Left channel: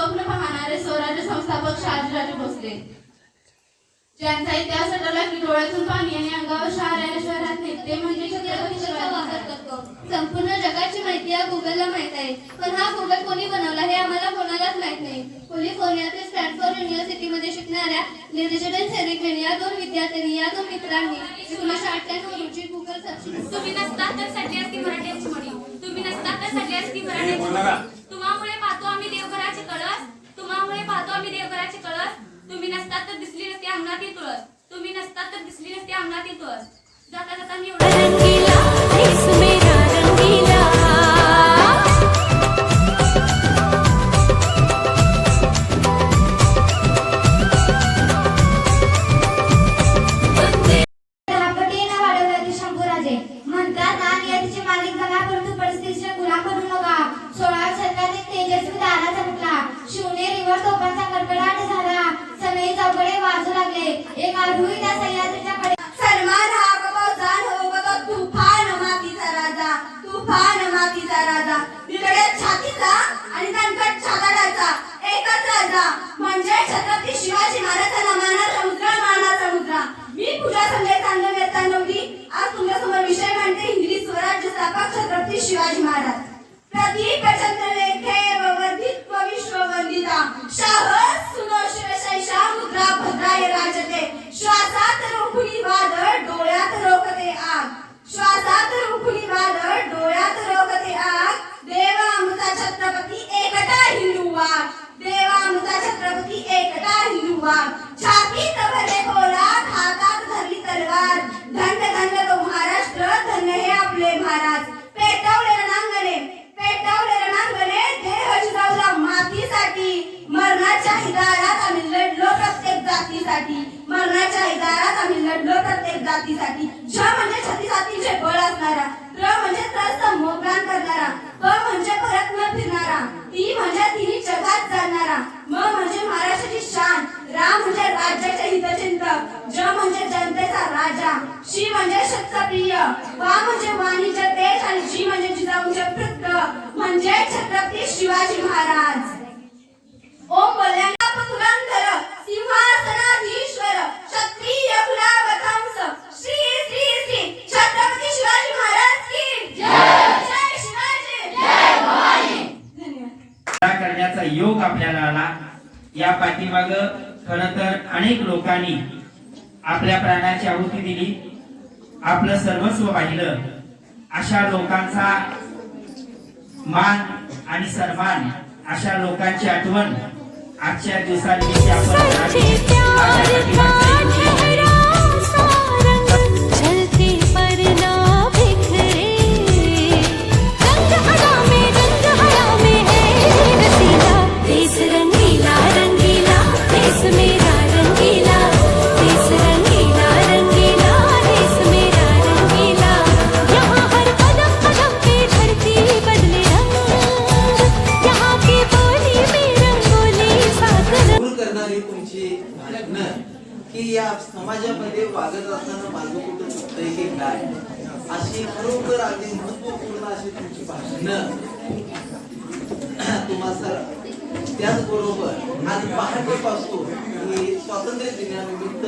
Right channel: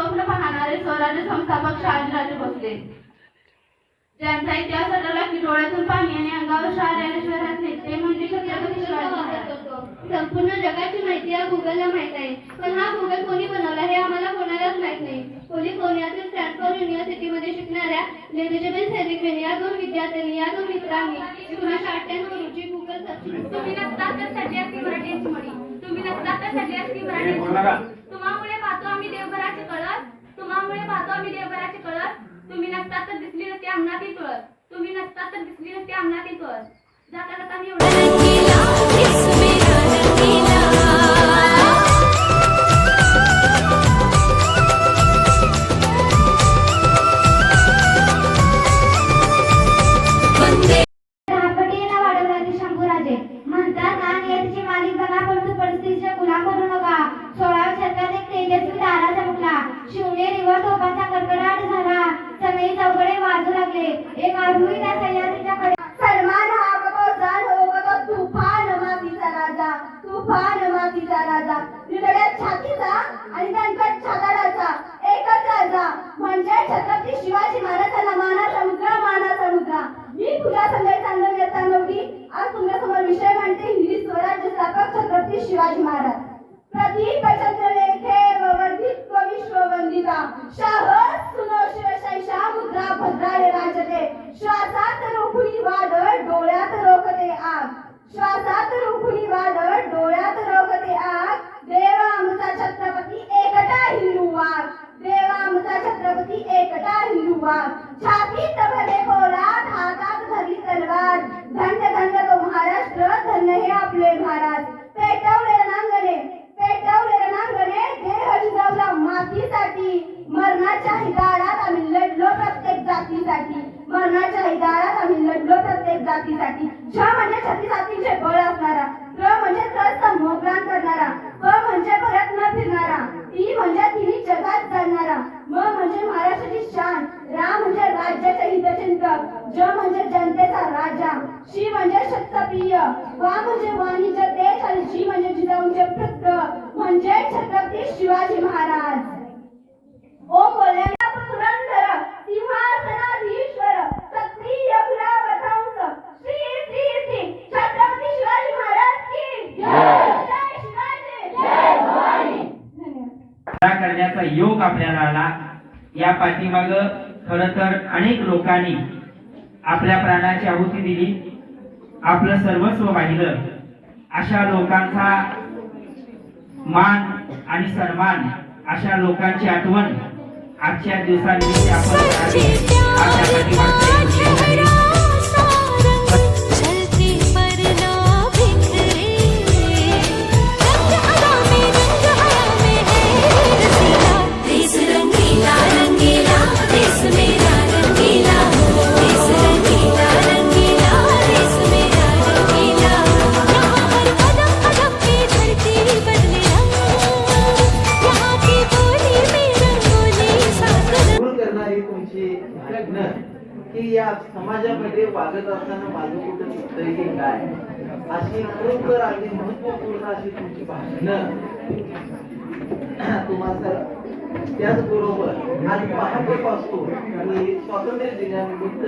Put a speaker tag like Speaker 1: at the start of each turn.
Speaker 1: स्वप्न पाहणारे स्वराज्य संस्थापक शहाजीराजे भोसले. ज्यांचा इतिहास अटला की डोळ्यातून पाणी आणि अंगावर शहर शहरात ते म्हणजे छत्रपती शिवाजी
Speaker 2: संपूर्ण जगाची माहिती हा गुगलला माहीत आहे. पण हा गुगल कोणी बनवला हे आम्हाला कोणालाच माहीत नाही. कॅलिफोर्नियातील स्टॅनफोर्ड युनिव्हर्सिटीमध्ये शिकणाऱ्या लेजेबल सेरिकन या दोन विद्यार्थ्यांनी या दोन मित्रांनी एकोणीसशे अठ्ठ्याण्णव रोजी गुगल
Speaker 3: तुम्ही नसता तर सगळी मराठी तुम्ही नसता तर सगळी मराठी पाहतो आम्ही देवघराचे कळस. तुम्ही नसतात तर दिसली नसती अंगणातील तुळस तुम्ही नसतात तर दिसली नसती अंगणातील तुळस जाता
Speaker 1: फार मातीचा राजा निगड्यात छातीचा आणि दणकट छाताडाचा एकच राजा. म्हणजे छत्रपती शिवाजी महाराजांना मानाचा मुद्रा मानाचा मुद्रा. मी पूजा संजय चांदव नव्हती. आज तुमच्यासमोर विषय मांडते हिंदी स्वराज्य स्थापक छत्रपती शिवाजी महाराज. प्रदीप चंद्र लेखे वर्धित्व विश्ववंदिता. शाह सुनो शिवशैषा मुद्रा भद्राय राजते. श्वासात रूप हुआ छाती छातीत भरले पोलाद हातात धरली तलवार. धन्य धन्य तो महाराष्ट्र धन्य हे आपले महाराज. पेटवले रणांगणे पेटवले रणांगणे देह जिजाऊला मातीसाठी. मरणाच्या हिदारात आम्ही लढलो प्रत्येक जातीसाठी. मरणाच्या हिदारात आम्ही लढलो प्रत्येक जातीसाठी. छ म्हणजे छत्तीसातीचे बळ असणारा र म्हणजे त्रस्त मोगान करणारा प म्हणजे परत न फिरणारा ती म्हणजे म्हणजे जिजाऊंचे म्हणजे छत्रपती शिवाजी महाराज. ओम बोलण्याला पुरंदर सिंहासनाधीश्वर क्षत्रिय कुलावतंस श्री श्री श्री छत्रपती शिवाजी महाराज की जय. जय शिवाजी. जय भवानी. धन्यवाद
Speaker 4: करण्याचा योग आपल्याला आला. या पाठीमाग खर तर अनेक लोकांनी आपल्या प्राणाची आहुती दिली. आपलं सर्वस्व वाहिलं. अशा लोकांचा मान आणि सन्मान अशा लोकांची आठवण आजच्या दिवसानिमित्त आपण
Speaker 5: तुमची भांडणं की या समाजामध्ये वागत असताना माझं कुठं चुकतंय की काय? अशी खरोखर अगदी महत्त्वपूर्ण अशी तुमची भांडणं तुम्हा सर त्याचबरोबर आज पहाटेपासून की स्वातंत्र्य दिनानिमित्त